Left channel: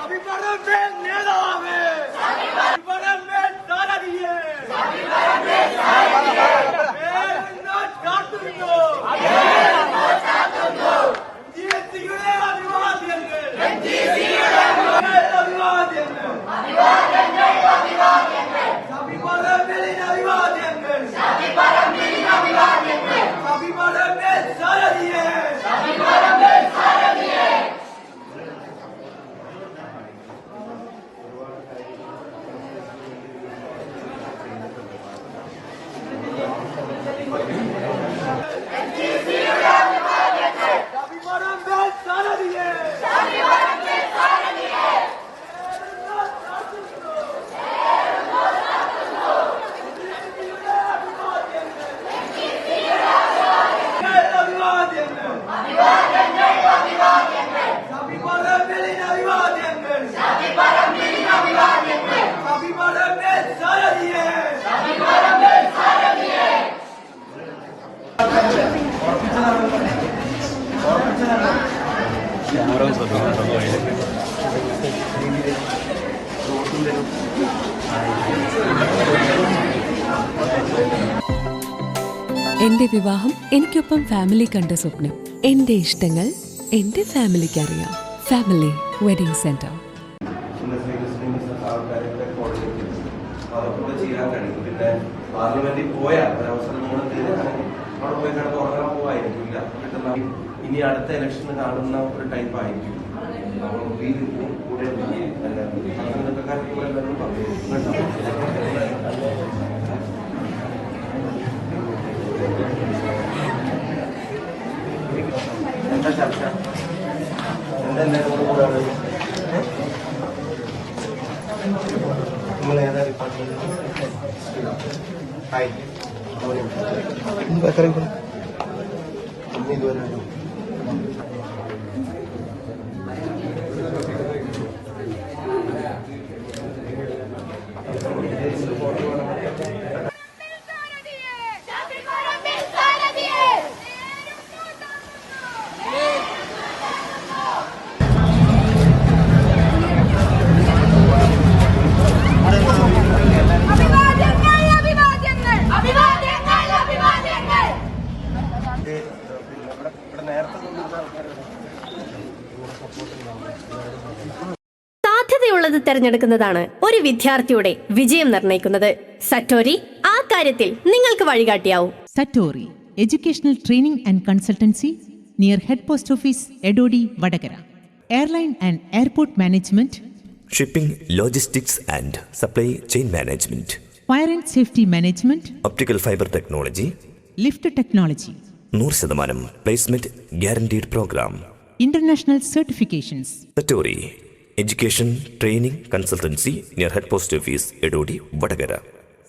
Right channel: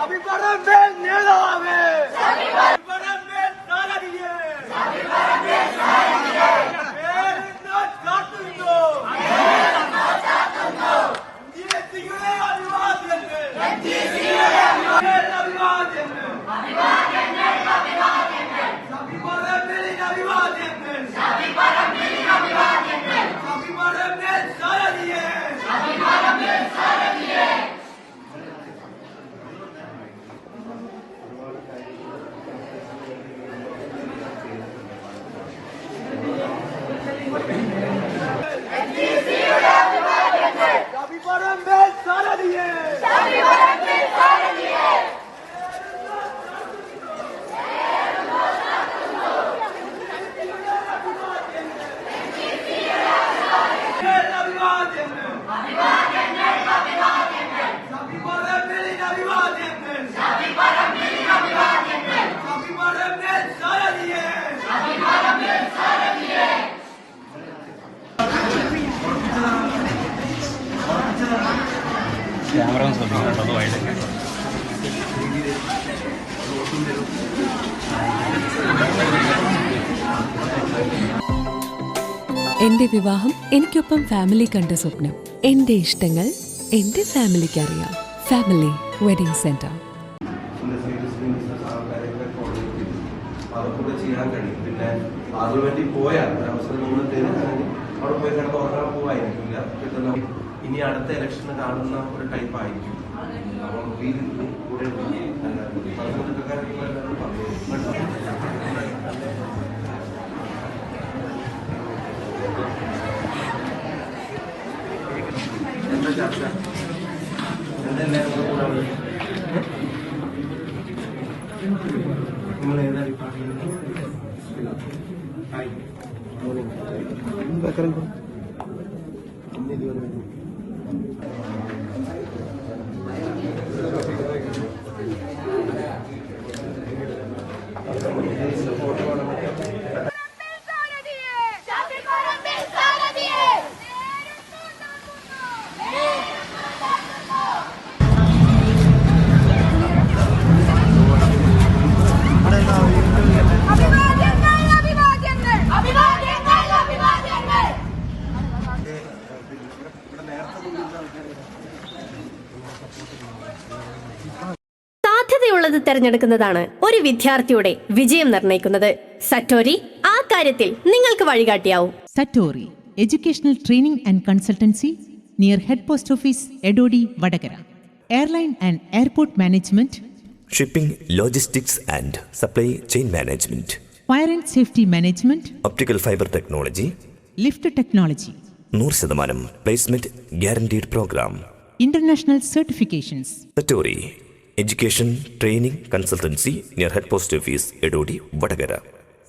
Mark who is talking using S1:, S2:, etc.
S1: அபிபரம் மேல் நேராக அபிபரம் மேல் தாரதியே
S2: എന്റെ വിവാഹം എനിക്കൊപ്പം ഫാമിലി കണ്ട സ്വപ്നം. എന്റെ ഇഷ്ടങ്ങൾ എന്റെ ഫാമിലിക്ക് അറിയാം. ഫാമിലി വെഡിങ് സെന്റർ
S3: ചെയ്യാൻ കഴിയും. പിന്നെ പാർലമെന്റിൽ പോയാൽ ഒരവസരം നമ്മൾ അവിടെ പോയി കിടന്ന് ഉറങ്ങാൻ പോവായിരിക്കില്ല. കിട്ടുന്ന ഇനി അടുത്ത ഇലക്ഷൻ കാണുന്ന ഒരു ടൈപ്പ് ആയിരിക്കും. കൂടെ പറഞ്ഞു എന്താ ചർച്ച എന്തെങ്കിലും കൂടാൻ നമ്മൾ ഏതാ department hi Voy a dejar
S4: സാധ്യതയുള്ളത് തെരഞ്ഞെടുക്കുന്നതാണ് ഒരു വിദ്യാർത്ഥിയുടെ വിജയം നിർണയിക്കുന്നത് സറ്റോറി ആ കാര്യത്തിൽ നിങ്ങൾക്ക് വഴികാട്ടിയാവും.
S5: Satori educational training and consultancy near head post office Edodi Vadakara. Airline and airport management
S6: shipping logistics and supply chain management.
S5: Fire and safety management
S6: optical fibre technology.
S5: Lift technology.
S6: നൂറ് ശതമാനം placement guaranteed programme
S5: international certifications
S6: education training consultancy near head post office Edodi Vadakara